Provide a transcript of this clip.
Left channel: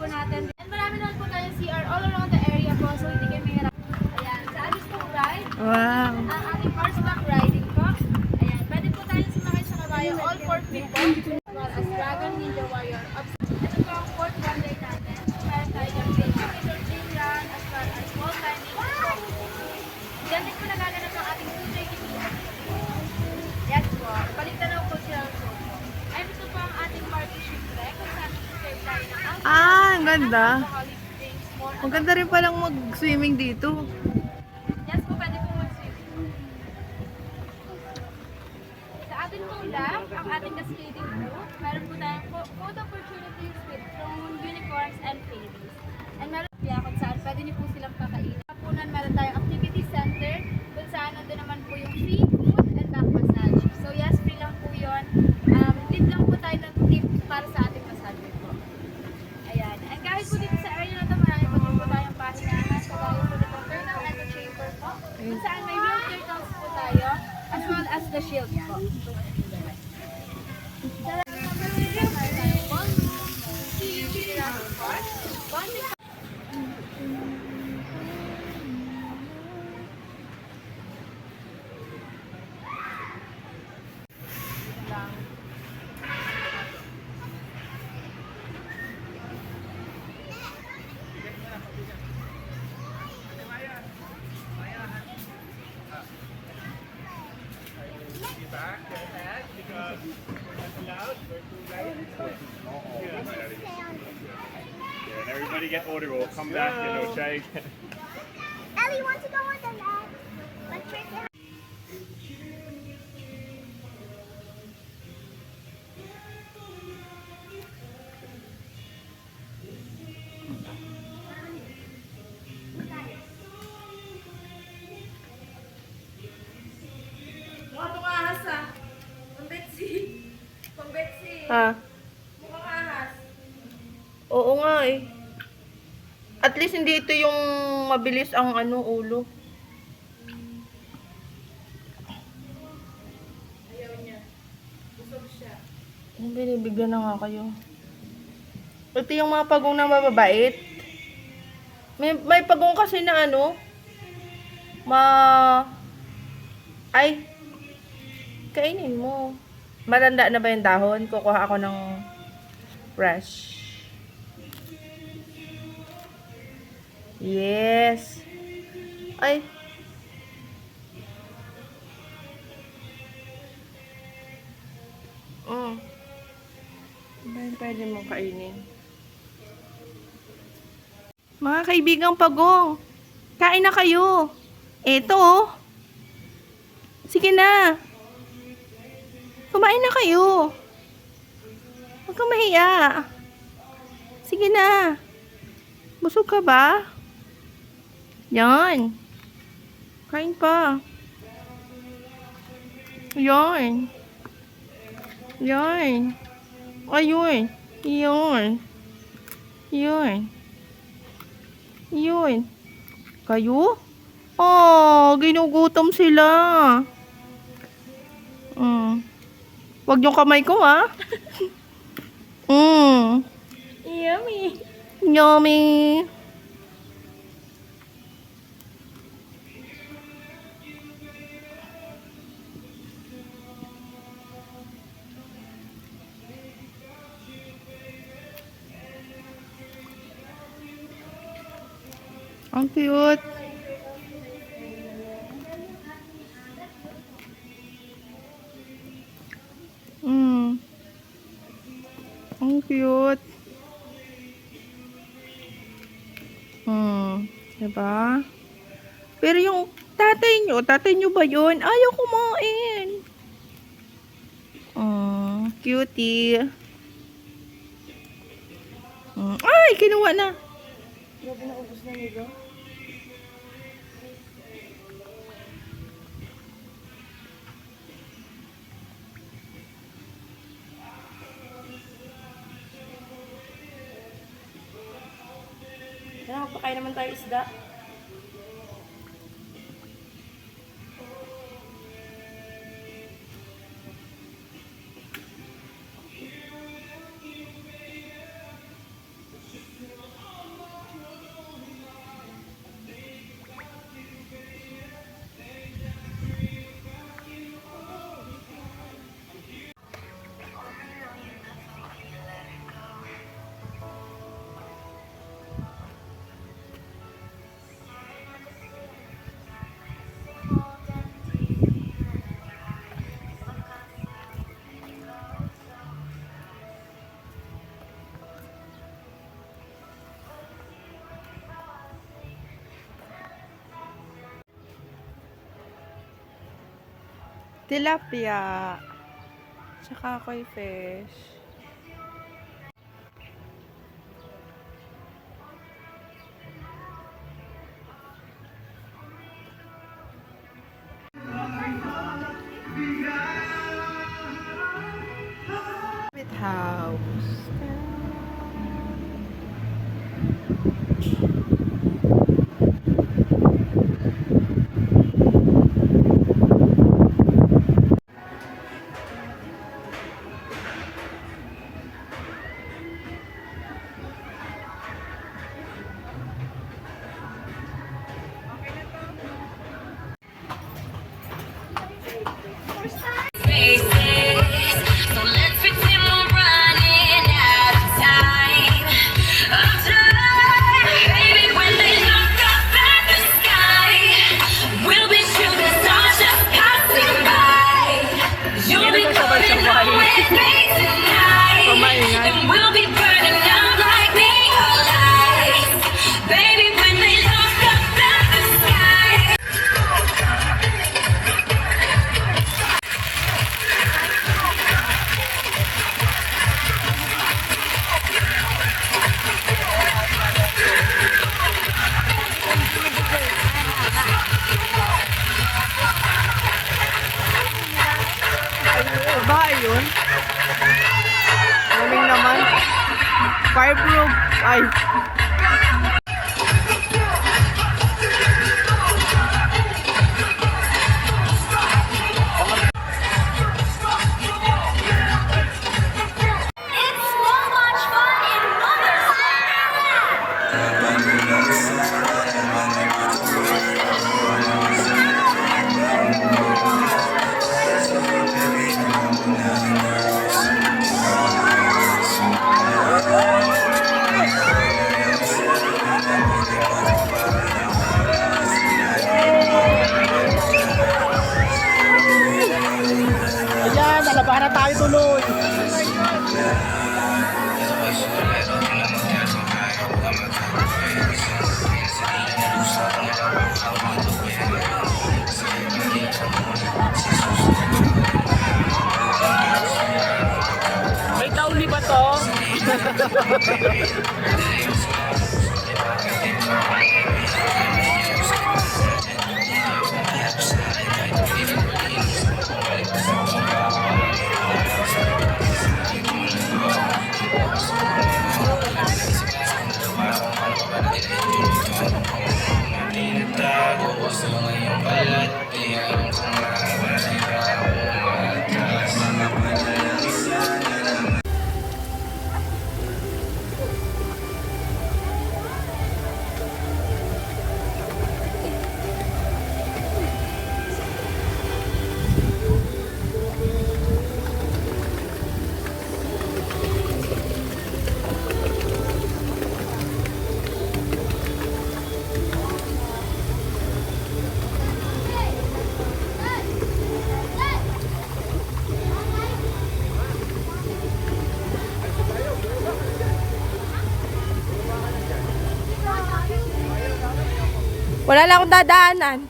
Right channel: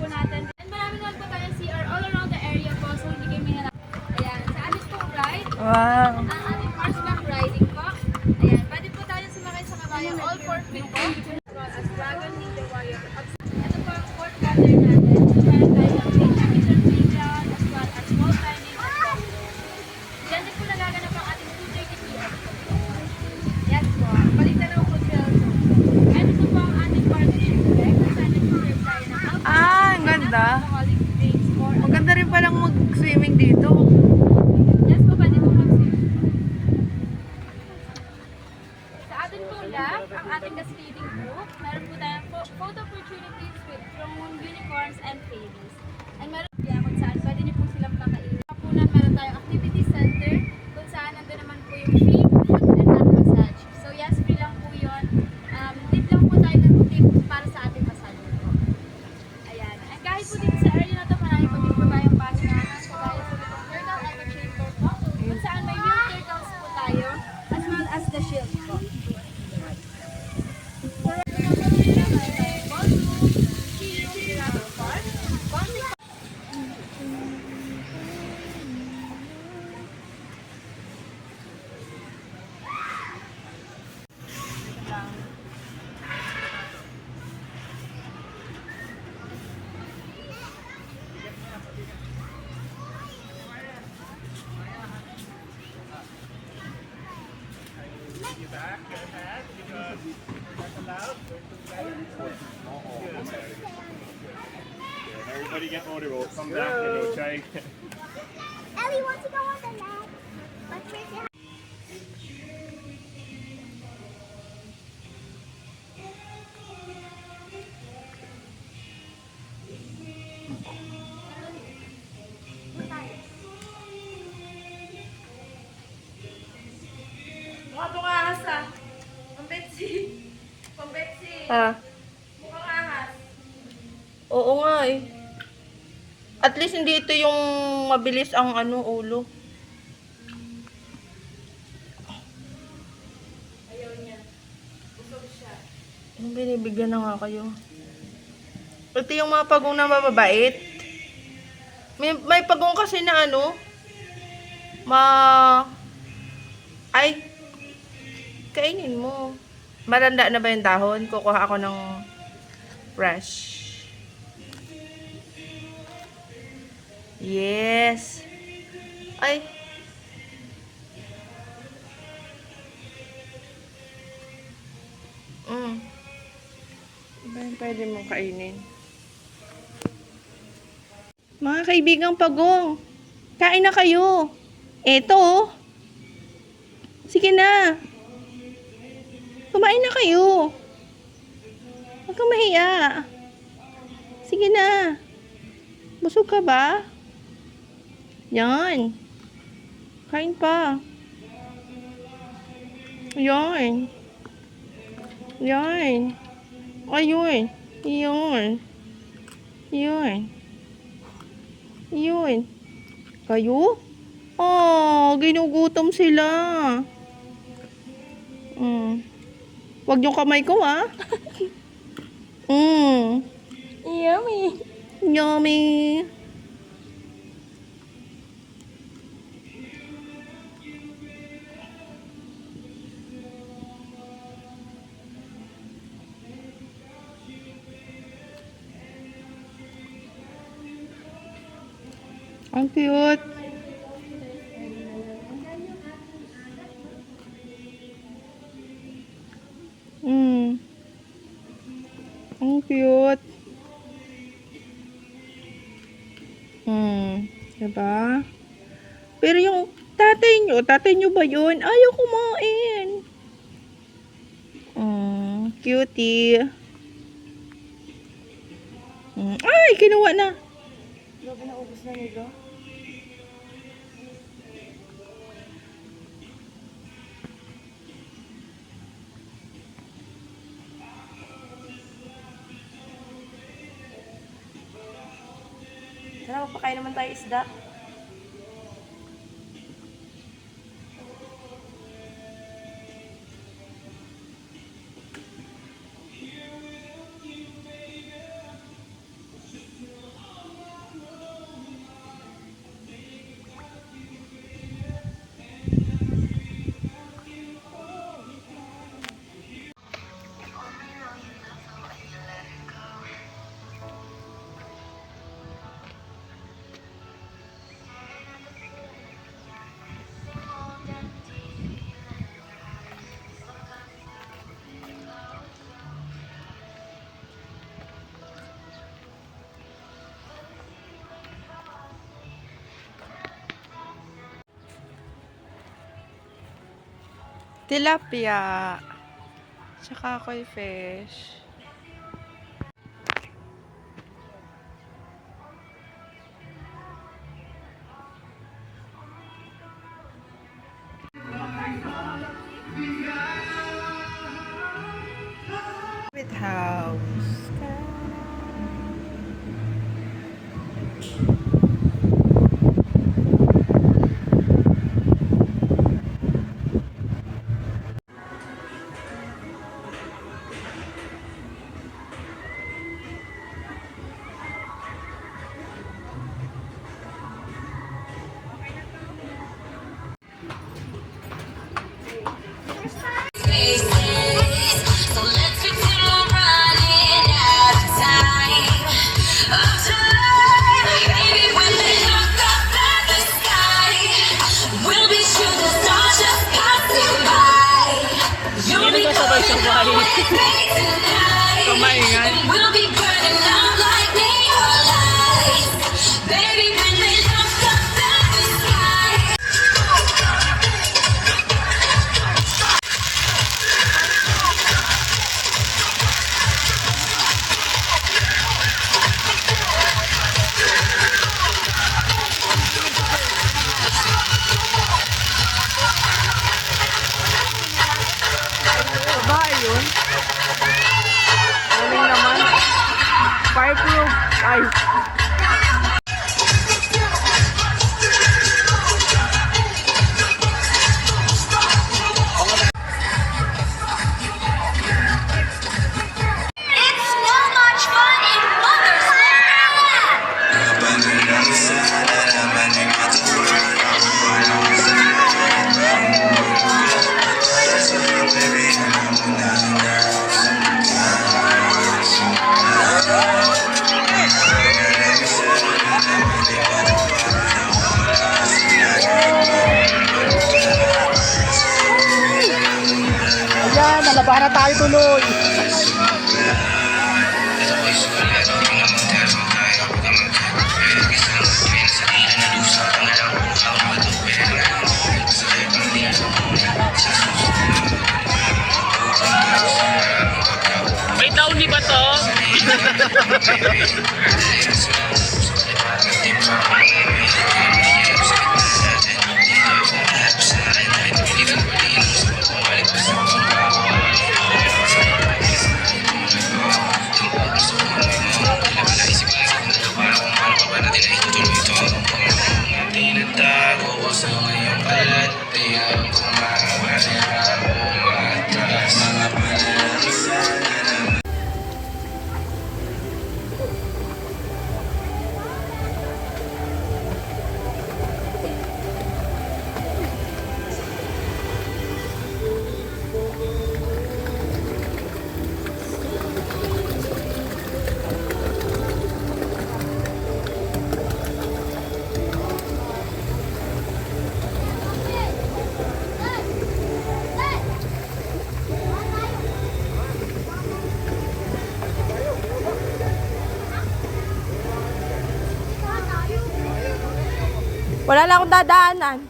po natin. And marami naman po tayong CR all around the area po. So hindi kayo mahirap. Ayan. Sa amin po ride. Wow. Ang ating horseback riding po. Ayan. Pwede po tayo sumakay sa kabayo. All 4 feet po. As well as Dragon Ninja Warrior. Ito po ang fourth wonder natin. Meron tayong individual playground as well as wall climbing. Diyan din po nagaganap ang ating 230 km. Yes po. Balik-tanaw po sila ang show po. And ito po ang ating park shipwreck. Kung saan nag-serve tayo ng Ah, ang ganda. alcoholic drinks po. Maganda rin palang mag-swimming dito. Yes po, pwede po mag-swim. Sa ating pong lab, ang ating cascading group, meron po tayong photo opportunities with drone, unicorns, and fairies. And meron po kung saan pwede niyo po silang pakainin. Kapunan, meron tayong activity center kung saan nandun naman po yung feet and back massage. So yes, free lang po yun. Tip lang po tayo ng tip para sa ating massage po. Ayan. And kahit po dito sa area na ito, marami po din po tayong pasinahan. So kaya po itong turtle echo chamber po. Kung saan may real turtles po tayo as well as the shield po. And everybody get order, we'll come back and we'll try. Ellie wants to go on the net. Let's break it. Mga pangahas ha. Pambetsi. Pambetsi. Ha? Mukhang ahas. Oo nga eh. At least hindi ito yung mabilis ang ulo. Ayaw niya. Busog siya. Binibigyan na nga kayo. Ito yung mga pagong na mababait. May pagong kasi na ay, kainin mo. Maranda na ba yung dahon? Kukuha ako ng fresh. Yes. Ay. Pwede mong kainin. Mga kaibigang pagong, kain na kayo. Eto, oh. Sige na. Kumain na kayo. Huwag kang mahiya. Sige na. Busog ka ba? Yan. Kain pa. Yan. Yan. Ayun. Yun. Yun. Yun. Kayo? Oh, ginugutom sila. Wag yung kamay ko, ha? Yummy. Yummy. Ang cute. Ang cute. Diba? Pero yung tatay nyo ba yun? Ayaw kumain. Cutie. Ay, kinuha na. Grabe na, ubos na nila. Sana magpakain naman tayo isda. Tilapia. Tsaka koi fish. With house. So let's pretend we're running out of time. Baby, when they look up at the sky, we'll be shooting stars just passing by. You'll be coming home with me tonight, and we'll be burning out like neon lights. Baby, when they look up at the sky. Bahay yun. Galing naman. Fireproof. Ay. It's so much fun in Mother's Day. Ayan, nalabahan na tayo tuloy. May tauni ba to? Wala lang akong dadaanan.